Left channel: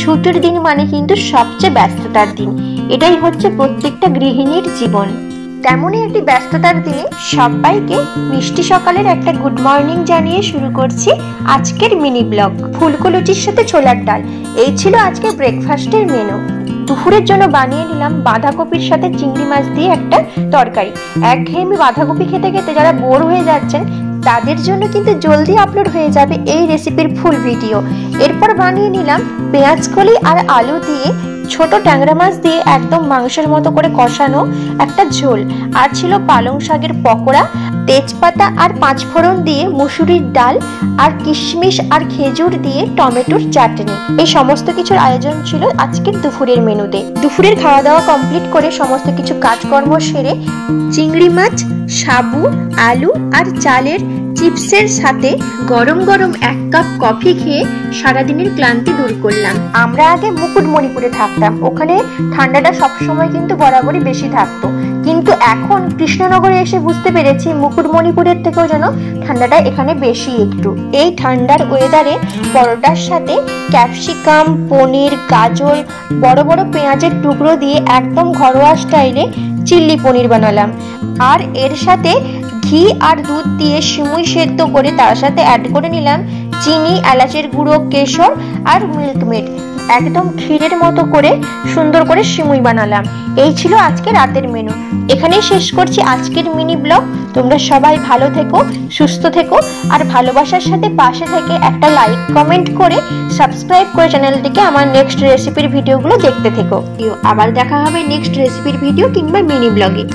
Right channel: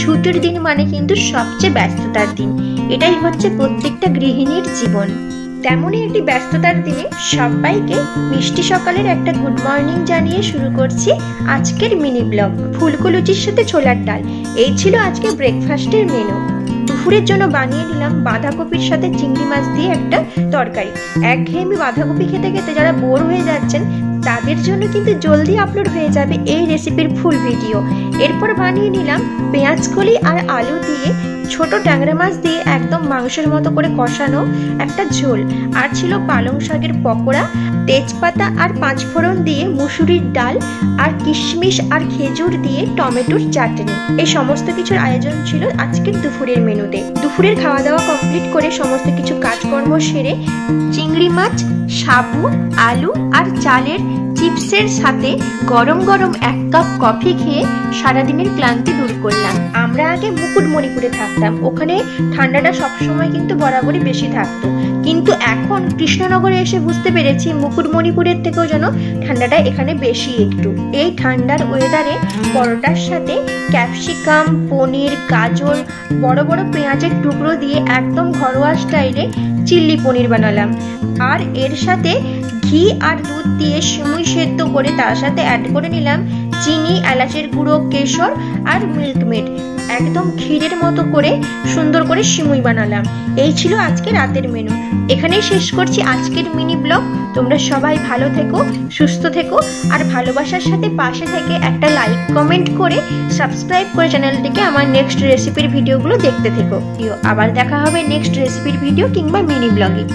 ছুটির দিন মানে কিন্তু সবচেয়ে ব্যস্ততার দিন, এটাই হচ্ছে প্রত্যেকটা গৃহিণীর জীবন। তেমনই একটি ব্যস্ততার দিনে সবাইকে মিষ্টি সকালের একটা গুড মর্নিং জানিয়ে শুরু করছি আজকের মিনি ব্লগ। ফুলকো লুচির সাথে ছোলার ডাল, এই ছিল আজকে ব্রেকফাস্টের মেনু। দুপুরের জন্য বানিয়ে নিলাম বাঁধাকপির সাথে চিংড়ি মাছ দিয়ে একটা তরকারি। একঘেয়েমি বাঁধাকপি খেতে খেতে যারা বোর হয়ে যাচ্ছেন তাদের জন্য কিন্তু জলদি আপলোড হয়ে যাবে এই রেসিপির ফুল ভিডিও। এরপর বানিয়ে নিলাম পেঁয়াজ কলি আর আলু দিয়ে ছোট ট্যাংরা মাছ দিয়ে একদম মাংসের মতো করে কষানো একটা ঝোল। আর ছিল পালং শাকের পকোড়া, তেজপাতা আর পাঁচফোড়ন দিয়ে মুসুরির ডাল, আর কিশমিশ আর খেজুর দিয়ে টমেটোর চাটনি। এই সমস্ত কিছুর আয়োজন ছিল আজকের দুপুরের মেনুতে। দুপুরের খাওয়া দাওয়া কমপ্লিট করে সমস্ত কিছু কাজকর্ম সেরে চিংড়ি মাছ, সাবু, আলু আর চালের চিপসের সাথে গরম গরম 1 কাপ কফি খেয়ে সারাদিনের ক্লান্তি দূর করলাম। আমরা আগে মুকুটমণিপুরে থাকতাম, ওখানে ঠান্ডাটা সবসময় কিন্তু বরাবরই বেশি থাকতো, কিন্তু এখন কৃষ্ণনগরে এসে বুঝতে পেরেছি মুকুটমণিপুরের থেকেও যেন ঠান্ডাটা এখানে বেশি একটু। এই ঠান্ডার ওয়েদারে পরোটার সাথে ক্যাপসিকাম, পনির, গাজর, বড় বড় পেঁয়াজের টুকরো দিয়ে একদম ঘরোয়া স্টাইলে চিল্লি পনির বানালাম। আর এর সাথে ঘি আর দুধ দিয়ে সিমুই সেদ্ধ করে তার সাথে অ্যাড করে নিলাম চিনি, এলাচের গুঁড়ো, কেশর আর মিল্কমেড। একদম ক্ষীরের মতো করে সুন্দর করে সিমুই বানালাম। এই ছিল আজকে রাতের মেনু। এখানেই শেষ করছি আজকের মিনি ব্লগ। তোমরা সবাই ভালো থেকো, সুস্থ থেকো, আর ভালোবাসার সাথে পাশে থেকে একটা লাইক কমেন্ট করে সাবস্ক্রাইব করে চ্যানেলটিকে আমার নেক্সট রেসিপির ভিডিওগুলো দেখতে থেকো। আবার দেখা হবে নেক্সট রেসিপির ভিডিও কিংবা মিনি ব্লগে।